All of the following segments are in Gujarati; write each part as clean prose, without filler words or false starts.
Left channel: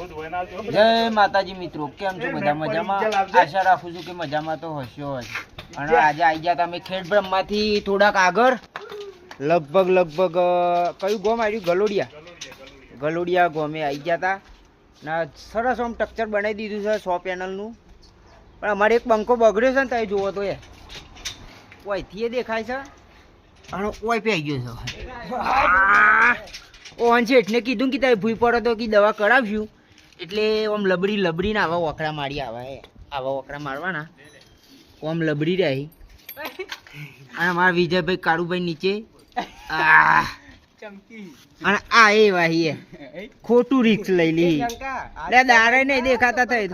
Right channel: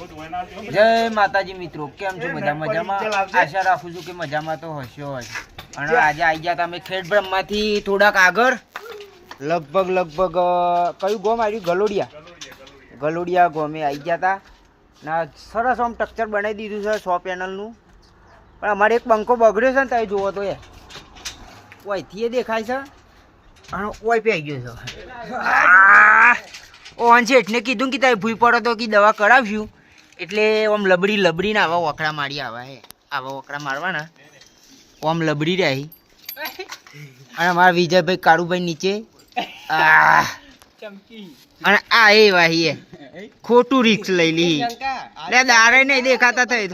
જય માતાજી મિત્રો, કેમ છો બધા? મજામાં? આશા રાખું છું કે મજામાં તો હશો જ. અને આજે આવી ગયા તમે ખેડ બ્રહ્માથી થોડાક આગળ, લગભગ કયું ગોમ આવ્યું? ગલોડિયા ગોમે આવી ગયા હતા. ના સરસ આમ સ્ટ્રક્ચર બનાવી દીધું છે 100 પેનલનું. પણ અમારે એક પંખો બગડ્યો છે ને, તમે જુઓ તો એ ઓયથી એ દેખાય છે અને ઓય પી ગયો છે. ઓન છે એટલે કીધું કે તારે ભૂઈ પડો તો કે દવા કરાવ્યું એટલે આમ લબડીને આવા વકરા મારી આવા વકરા મારવાના આમ લબડી રહી. અને અમારા વિજયભાઈ કાળુભાઈ નીચે અને આ એ વાહી ખોટું રિક્સ લઈ લી. દારે નહીં દેખાતા થઈ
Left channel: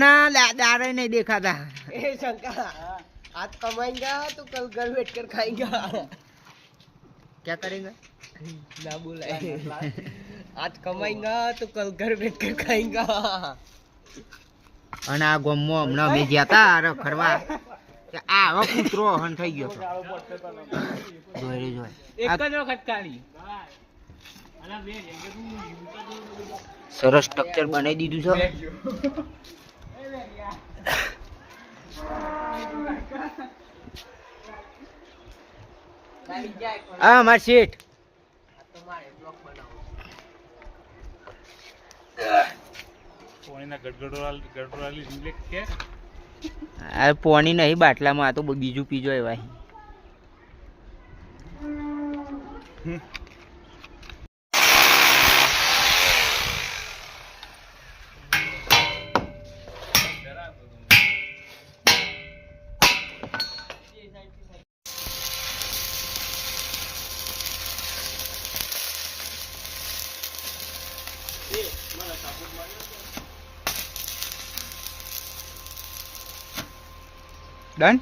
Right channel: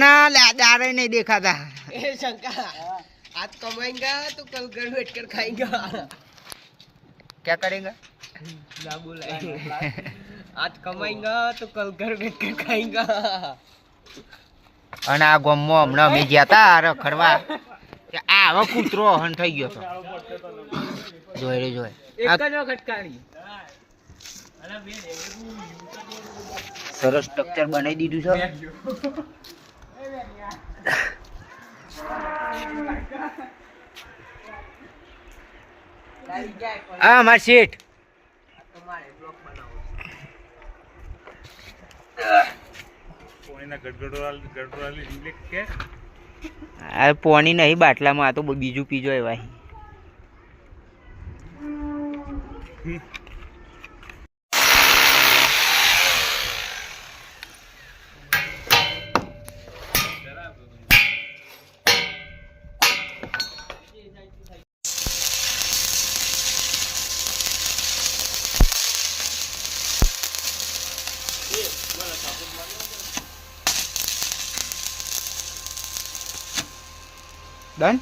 ના દારે નહીં દેખાતા. आज कमाएंगा तो कल घर बैठ कर खाएंगा. क्या करेगा? ना बोला. आज कमाएंगा तो कल घर बैठ कर खाएंगा. અને આ ગામમાં હમણાં અમે ગયા હતા રખડવા, આ હવે કૂતરો હન થઈ ગયો હતો. જોઈ સરસ સ્ટ્રક્ચર બનાવી દીધું છે. હા માર શેઠ પોણી નહીં બાટલામાં, આ તો બીજું પીજો એવા. ડન.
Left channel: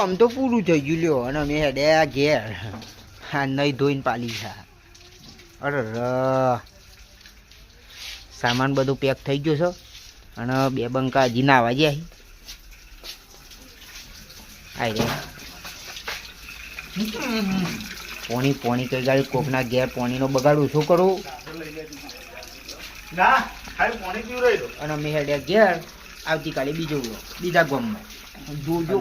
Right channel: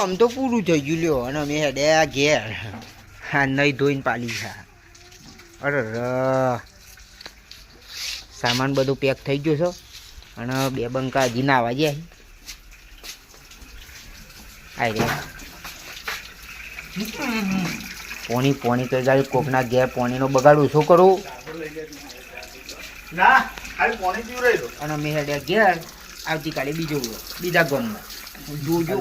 આમ તો પૂરું થઈ ગયું લ્યો. અને મેં હેડ્યા ઘેર, હા નહીં ધોઈને પાલી છે. અરે સામાન બધું પેક થઈ ગયો છે. અને 2 બંકા હજી નાવા ગયા આઈ રે. પોણી કઈ ગાડી કોકના ઘેર પોણીનો બગાડું શું કરું? અને મેં હેડ્યા ઘેર. આવતીકાલે બીજા ગામમાં જોજો.